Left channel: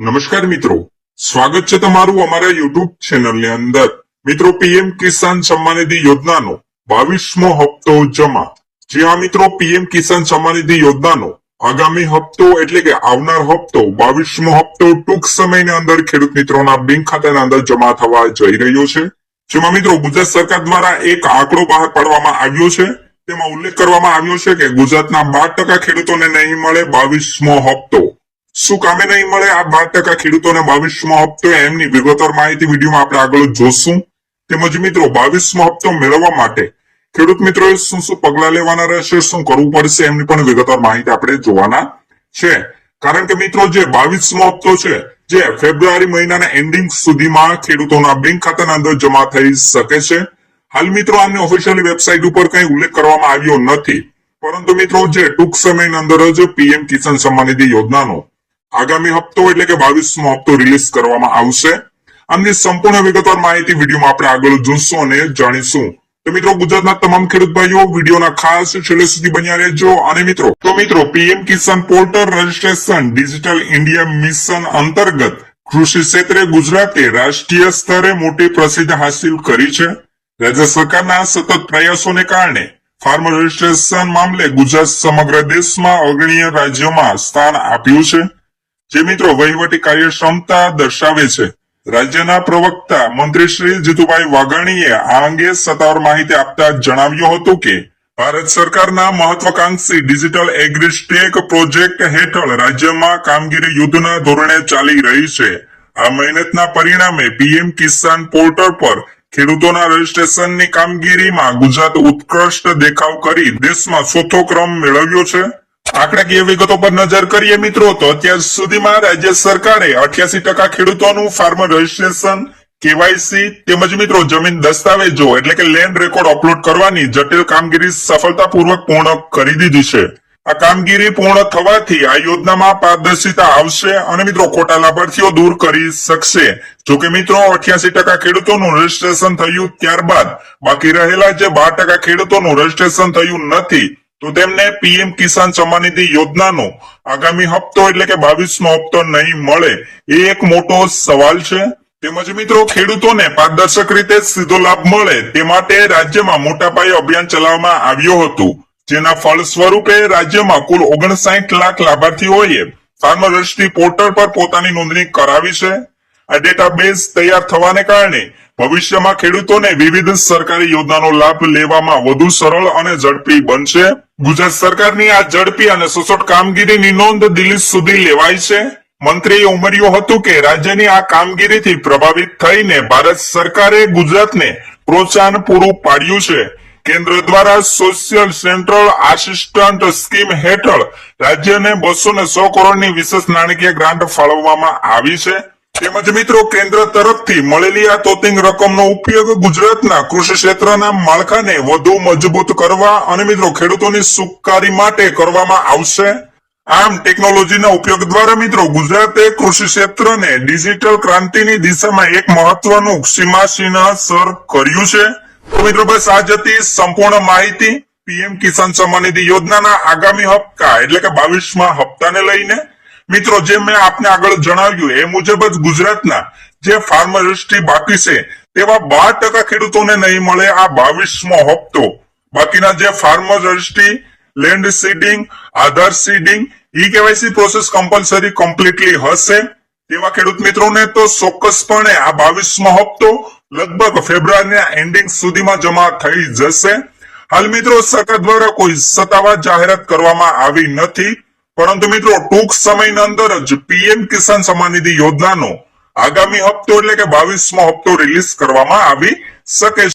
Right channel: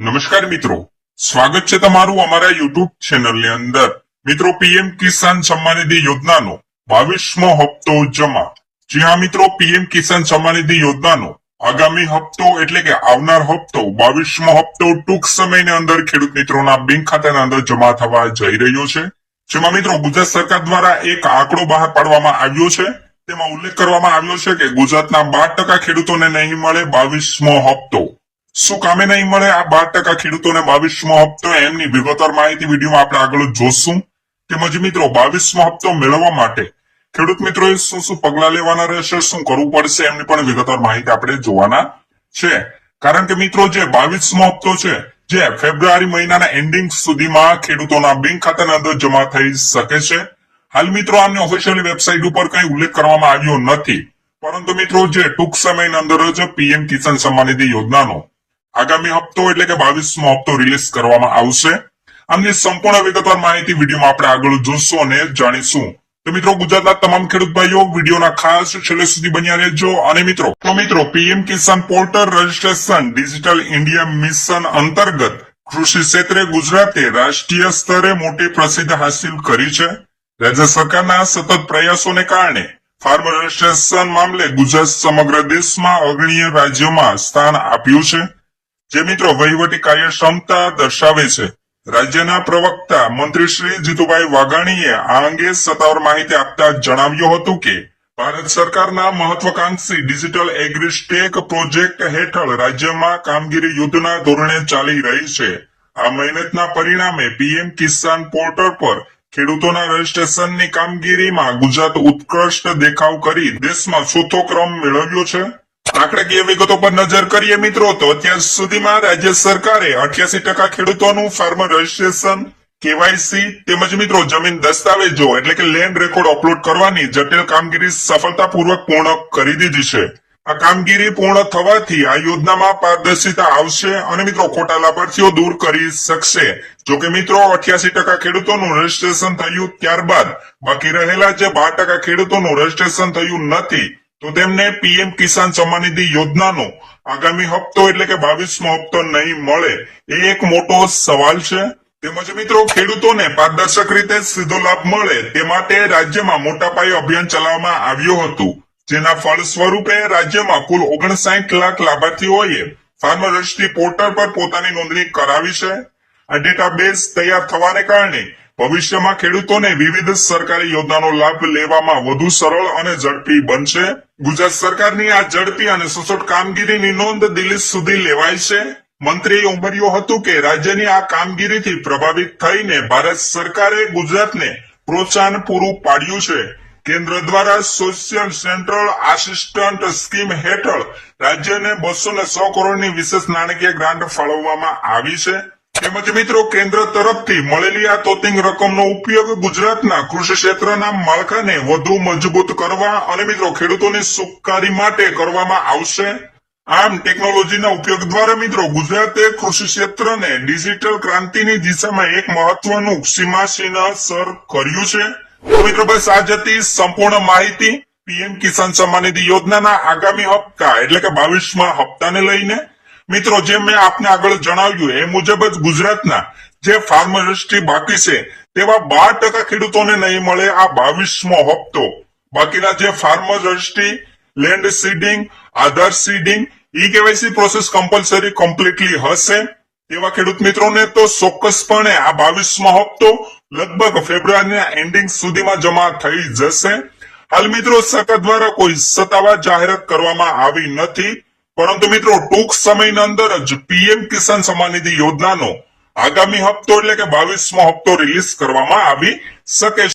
નમસ્કાર મિત્રો, સ્વાગત છે તમારું અમારા યુટ્યુબ ચેનલની અંદર। મિત્રો, પીએમ કિસાન સન્માન નિધિ યોજનાનો 22મો હપ્તો જમા। જી હા મિત્રો, પીએમ કિસાન સન્માન નિધિ યોજનાનો આગામી હપ્તો એટલે કે આવનાર હપ્તો 22મો હપ્તો ટૂંક સમયની અંદર ખેડૂત મિત્રોના બેંક ખાતાના અંદર જમા થવા જઈ રહ્યો છે। જેમાં મિત્રો ગુજરાત સરકાર દ્વારા એક આંકડો બહાર પાડવામાં આવ્યો છે। તેમાં ઉલ્લેખ કરવામાં આવ્યો છે કે ગુજરાતના 12% ખેડૂતોને નહીં મળે 22મો હપ્તો। શું કામે નહીં મળે આ 12% ખેડૂતોને 22મો હપ્તો, એમની વિગતવાર માહિતી વિડીયોમાં આપણે આગળ જોશું। તેમજ મિત્રો 22મો હપ્તો મેળવવા માટે ખેડૂત મિત્રોએ શું શું પગલા લેવાના રહેશે, શું કરવું પડશે, એમની પણ વિગતવાર માહિતી આપણે જોવાના છે। કારણ કે મિત્રો જે 22મો હપ્તો છે જે ફેબ્રુઆરી મહિનાના એન્ડિંગ સુધીમાં ખેડૂતોના બેંક ખાતાના અંદર જમા થઈ શકે છે। હાલ મિત્રો આમની ઓફિશિયલ વેબસાઇટ ઉપર કઈ ઉલ્લેખ કરવામાં આવ્યો નથી, પરંતુ મિત્રો જે ટૂંક સમયની અંદર જ પીએમ કિસાન સન્માન નિધિ યોજનાનો આગામી હપ્તો એટલે કે 22મો હપ્તો રિલીઝ કરવામાં આવશે। આમની સંપૂર્ણ વિગતવાર માહિતી વિડીયોમાં આપણે આગળ જોશું અને જાણીશું। તો મિત્રો ગુજરાતના તમામ ખેડૂત ભાઈઓ વિડીયોના ખાસ છેલ્લે સુધી બન્યા રહેજો। અને મિત્રો PM Kisan portal registration digital India mission અંતર્ગત કૃષિ ક્ષેત્રે ગુજરાતે રાષ્ટ્રીય સ્તરે મોટી પ્રસિદ્ધિ હાસિલ કરી છે। રાજ્ય સરકારના સતત પ્રયાસોને કારણે ફાર્મર રજીસ્ટ્રેશન મામલે ગુજરાત સમગ્ર દેશમાં અગ્રણી રાજ્યોમાં સ્થાન આપ્યું છે, જે મિત્રો વહીવટી કાર્યક્ષમતા દર્શાવે છે। રાજ્યના પ્રવક્તા મંત્રી શ્રી જીતુભાઈ વાઘાણીએ આ અંગે સત્તાવાર માહિતી આપતા જણાવ્યું હતું કે ભારત સરકારના મહત્વાકાંક્ષી ડિજિટલ એગ્રીસ્ટેક પ્રોજેક્ટ હેઠળ રાજ્યમાં કામગીરી યુદ્ધના ધોરણે ચાલી રહી છે। આ મહેનતના પરિણામે પીએમ કિસાન પોર્ટલ પર ખેડૂતોના રજીસ્ટ્રેશનની કામગીરીમાં ગુજરાત ઉત્કૃષ્ટ દેખાવ કરી દેશમાં ચોથો ક્રમ મેળવ્યો છે। આંકડાકીય વિગતો પર નજર કરીએ મિત્રો તો અત્યાર સુધીમાં રાજ્ય સરકારે 88% ખેડૂતોનું ફાર્મર રજીસ્ટ્રેશન, કેવાયસી તેમજ મિત્રો જમીન દસ્તાવેજો એટલે કે લેન્ડ રેકોર્ડ અપલોડ કરવાની જટિલ કામગીરી સફળતાપૂર્વક પૂર્ણ કરી દીધી છે। આ કામગીરી પૂર્ણ થવાથી આ યોજનામાં પારદર્શિતા આવશે અને મિત્રો ખોટા લાભાર્થીઓ દૂર કરી શકશે। જોકે મિત્રો 88% ખેડૂતોનું રજીસ્ટ્રેશન થયું ત્યારબાદ બાકી રહેલા જે 12% ખેડૂતોનું રજીસ્ટ્રેશન થયું નથી, તો તેમને પીએમ કિસાન સન્માન નિધિ યોજનાનો આગામી હપ્તો એટલે કે 22મો હપ્તો નહીં મળે એ એક મોટો સવાલ છે। તેમજ મિત્રો ખેડૂતોને પારદર્શક રીતે સીધો લાભ મળે તે માટે રાજ્યમાં મોટા પાયે અભિયાન ચલાવવામાં આવ્યું હતું, જેના ફળ સ્વરૂપે રાજ્યમાં કુલ 59 લાખ લાભાર્થીઓએ ફાર્મર રજિસ્ટ્રી પોર્ટલ પર પોતાની નોંધણી કરાવી છે। આ ડેટાબેઝ તૈયાર થવાને કારણે ભવિષ્યમાં ખેડૂતોને વિવિધ સરકારી યોજનાનો લાભ લેવામાં વધુ સરળ અને ઝડપી બનશે। ગુજરાત સરકારની આ ઝડપી અને સચોટ કામગીરીની નોંધ દિલ્હી સુધી લેવાય છે। મંત્રીએ ઉમેર્યું હતું કે રાજ્યની આ કામગીરીથી પ્રભાવિત થઈને ભારત સરકારે ગુજરાતને પ્રોત્સાહન પૂરું પાડ્યું છે। કેન્દ્ર દ્વારા સોશિયલ સેન્ટ્રલ આસિસ્ટન્ટ સ્કીમ હેઠળ રાજ્યને 210 કરોડની વિશેષ નાણાકીય ગ્રાન્ટ ફાળવવામાં આવી છે। તેમજ મિત્રો કેન્દ્ર તરફથી મળેલી આ તોતિંગ રકમનો ઉપયોગ ગુજરાતના કૃષિ ક્ષેત્રના માળખાને વધુ મજબૂત કરવા અને મિત્રો ખેડૂતોની સુખાકારી માટે કરવામાં આવશે। આમ ટેકનોલોજીના ઉપયોગ દ્વારા મિત્રો ગુજરાતે કૃષિ ક્ષેત્રને ડિજિટલ ક્રાંતિની દિશામાં એક મહત્વનું સીમાચિહ્ન સર કર્યું છે। તો મિત્રો બસ આ જ હતી સંપૂર્ણ માહિતી પીએમ કિસાન સન્માન નિધિ યોજનાના આગામી હપ્તા એટલે કે 22મા હપ્તાને લઈને। મિત્રો જે મેં આપને આગળ જણાવ્યું એ મુજબ જ ગુજરાતના જે ફાર્મર રજિસ્ટ્રી બાકી છે તેવા 12% ખેડૂતોને નહીં મળે આ 22મો હપ્તો। બાકીના જે ફાર્મર રજિસ્ટ્રી, લેન્ડ સીડિંગ, આધાર સીડિંગ, ઈ-કેવાયસી પ્રોસેસ કમ્પલસરી કમ્પ્લીટલી હશે તેવા ખેડૂત મિત્રોને તો ચોક્કસપણે આ 22મો હપ્તો લગભગ ફેબ્રુઆરીના એન્ડિંગ સુધીમાં જમા થઈ જશે। હાલ મિત્રો સરકાર દ્વારા કોઈ સત્તાવાર જાહેરાત કરવામાં આવી નથી, પરંતુ મિત્રો ટૂંક સમયની અંદર જ પીએમ કિસાન સન્માન નિધિ યોજનાનો આગામી હપ્તો એટલે કે 22મો હપ્તો રિલીઝ કરવામાં આવી શકે છે।